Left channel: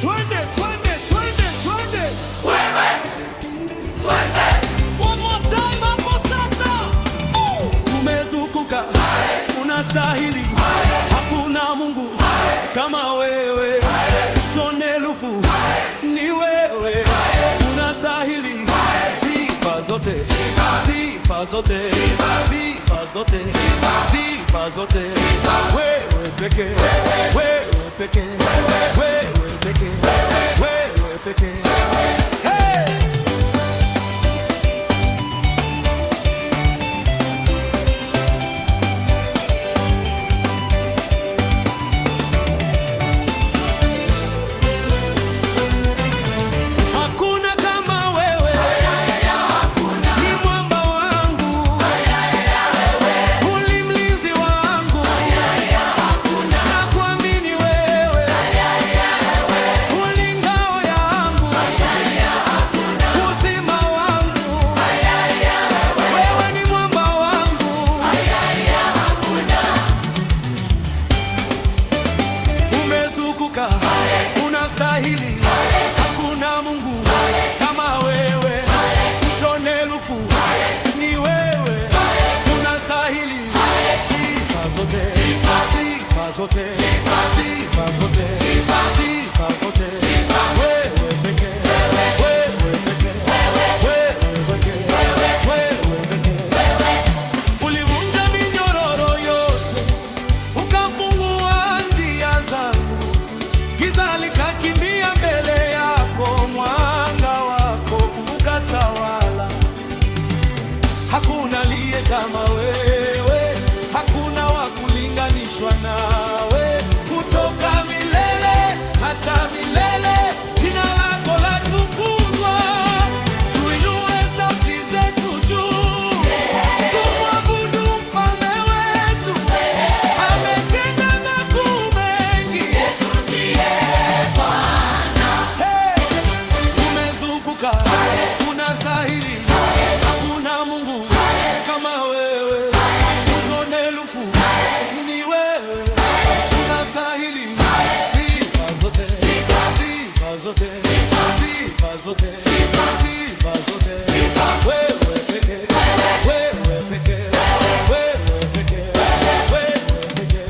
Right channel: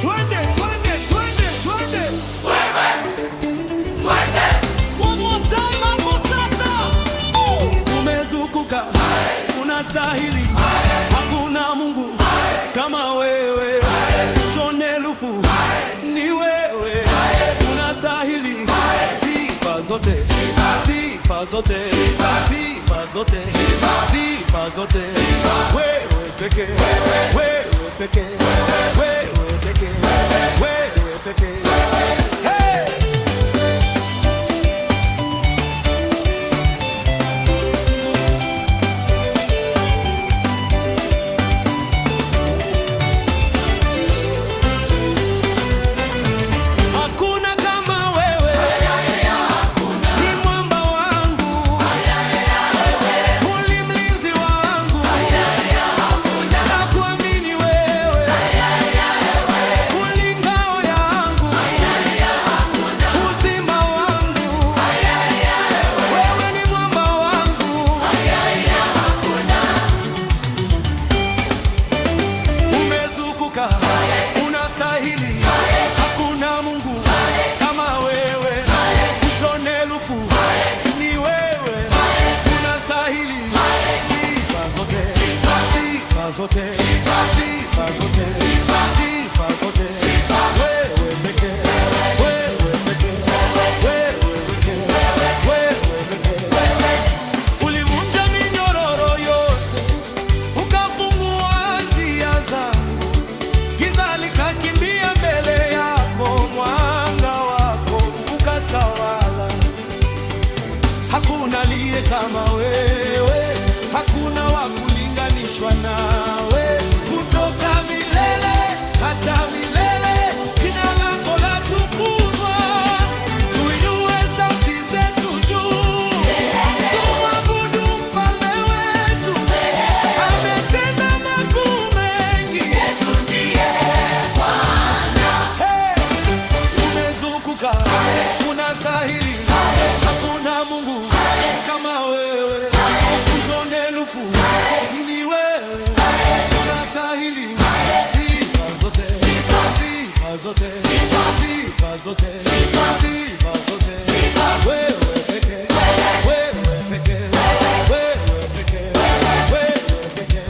Twende, twende, twende, twende. Wewe, twende. One more time hapo sasa. Umezukuka, unastahili. Hakuna Mungu kama wewe. Shone lufu, ni wewe. Unastahili sifa zote, sifa zote, sifa zote, sifa zote. Wewe peke, wewe peke, wewe peke, wewe peke. Hey! Unastahili, hakuna Mungu kama wewe. Ushone lufu, ni wewe. Unastahili sifa zote, sifa zote, sifa zote, sifa zote. Wewe peke, wewe peke, wewe peke, wewe peke. Ulivunja minyororo yote, ukafungua njia zangu. Giza likakimbia mbele yako, mwanga wako ukatawala. Hakuna aliye kama wewe, hakuna wa kulinganishwa nawe. Kutoka milele hata milele, jina lako latukuzwa. Tuinue sauti zetu juu, tumwabudu mfalme wetu. Ametenda makuu mengi. Unastahili, hakuna Mungu kama wewe. Ushone lufu, ni wewe. Unastahili sifa zote, sifa zote, sifa zote, sifa zote. Wewe peke, wewe peke, wewe peke, wewe peke.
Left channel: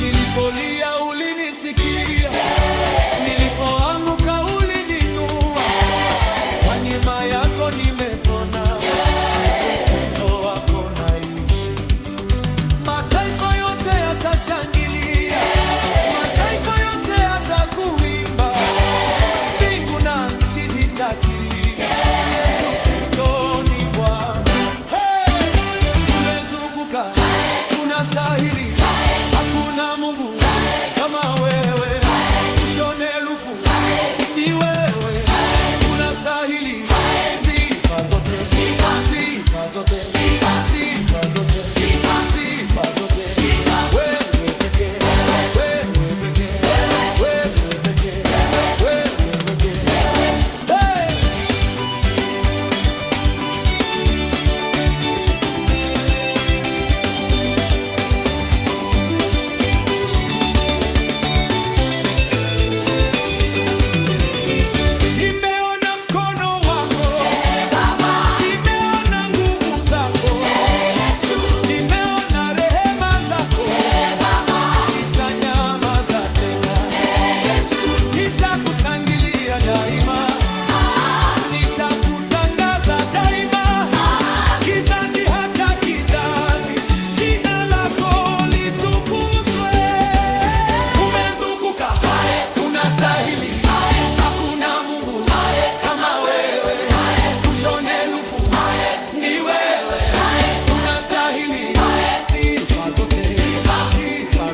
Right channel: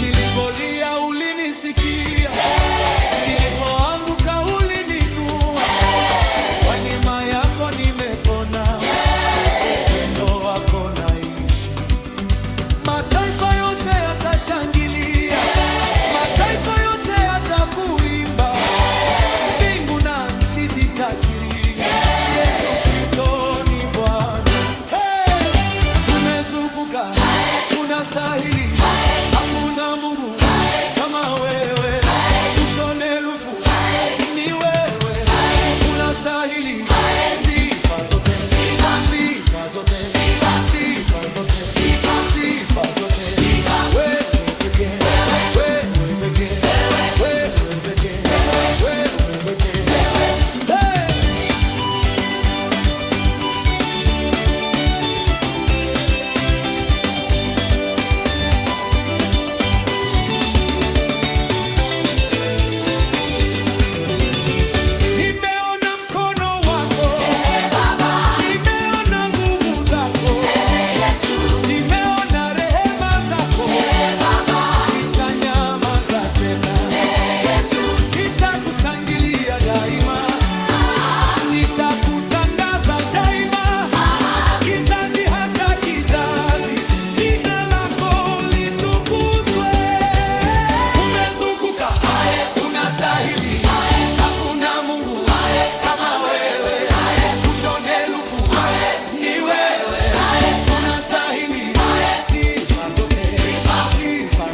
Nilipolia ulinisikia, nilipoanguka ulininua. Kwa neema yako nimepona, upendo wako naishi. Mataifa yote yatashangilia, mataifa yote yatakuimba. Mbingu na nchi zitakiri, Yesu Kristo ni Bwana. Hey! Umezukuka, unastahili, hakuna Mungu kama wewe. Ushone lufu, ni wewe. Unastahili sifa zote, sifa zote, sifa zote, sifa zote. Wewe peke, wewe peke, wewe peke, wewe peke. Hey!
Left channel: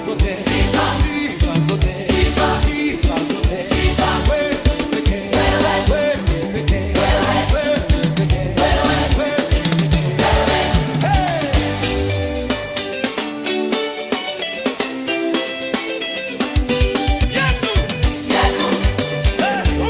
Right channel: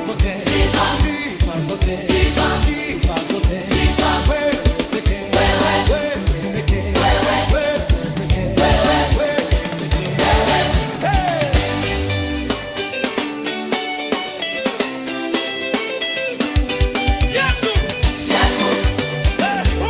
zote, sifa zote, sifa zote. Wewe pekee, wewe pekee, wewe pekee, wewe pekee. Hey! Yesu! Yesu! Hey!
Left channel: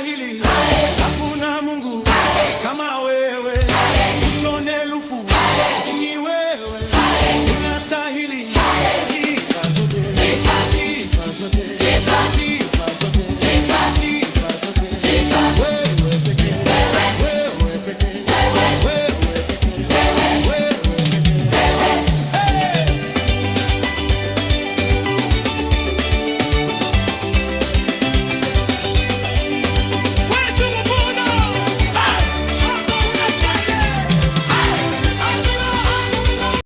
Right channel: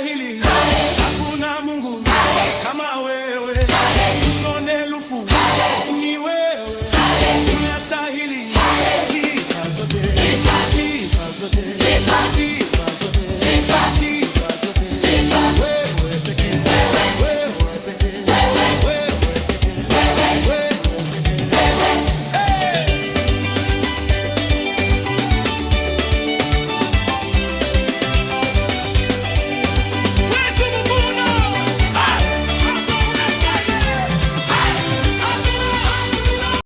unastahili, hakuna Mungu kama wewe, ushone lufu ni wewe, unastahili sifa zote, sifa zote, sifa